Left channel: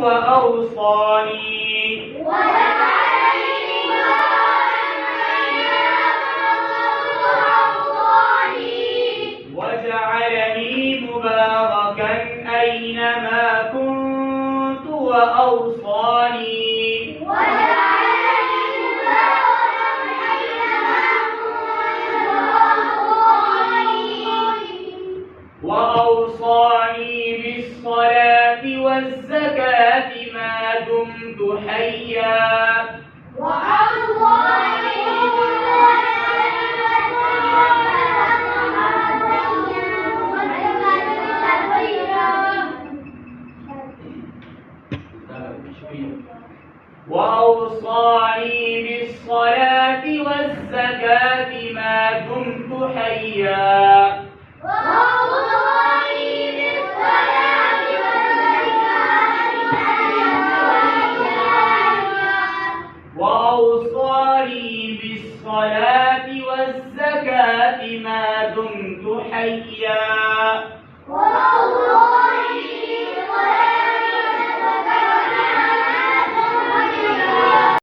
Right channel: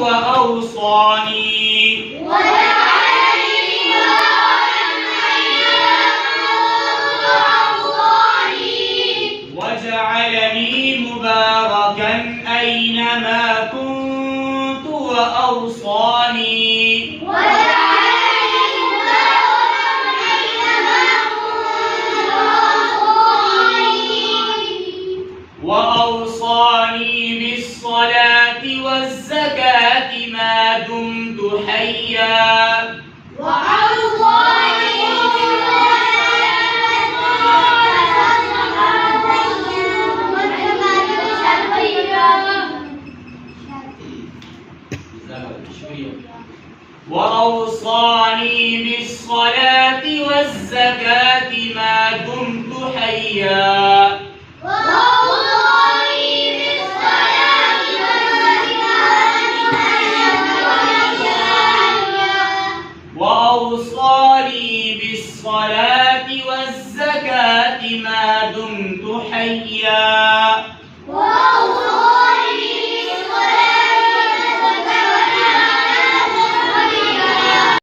وأوصاني وجعلني مباركا أينما كنت وأوصاني وأوصاني بالصلاة والزكاة ما دمت حيا وأوصاني بالصلاة والزكاة ما دمت حيا وأوصاني بالصلاة والزكاة ما دمت حيا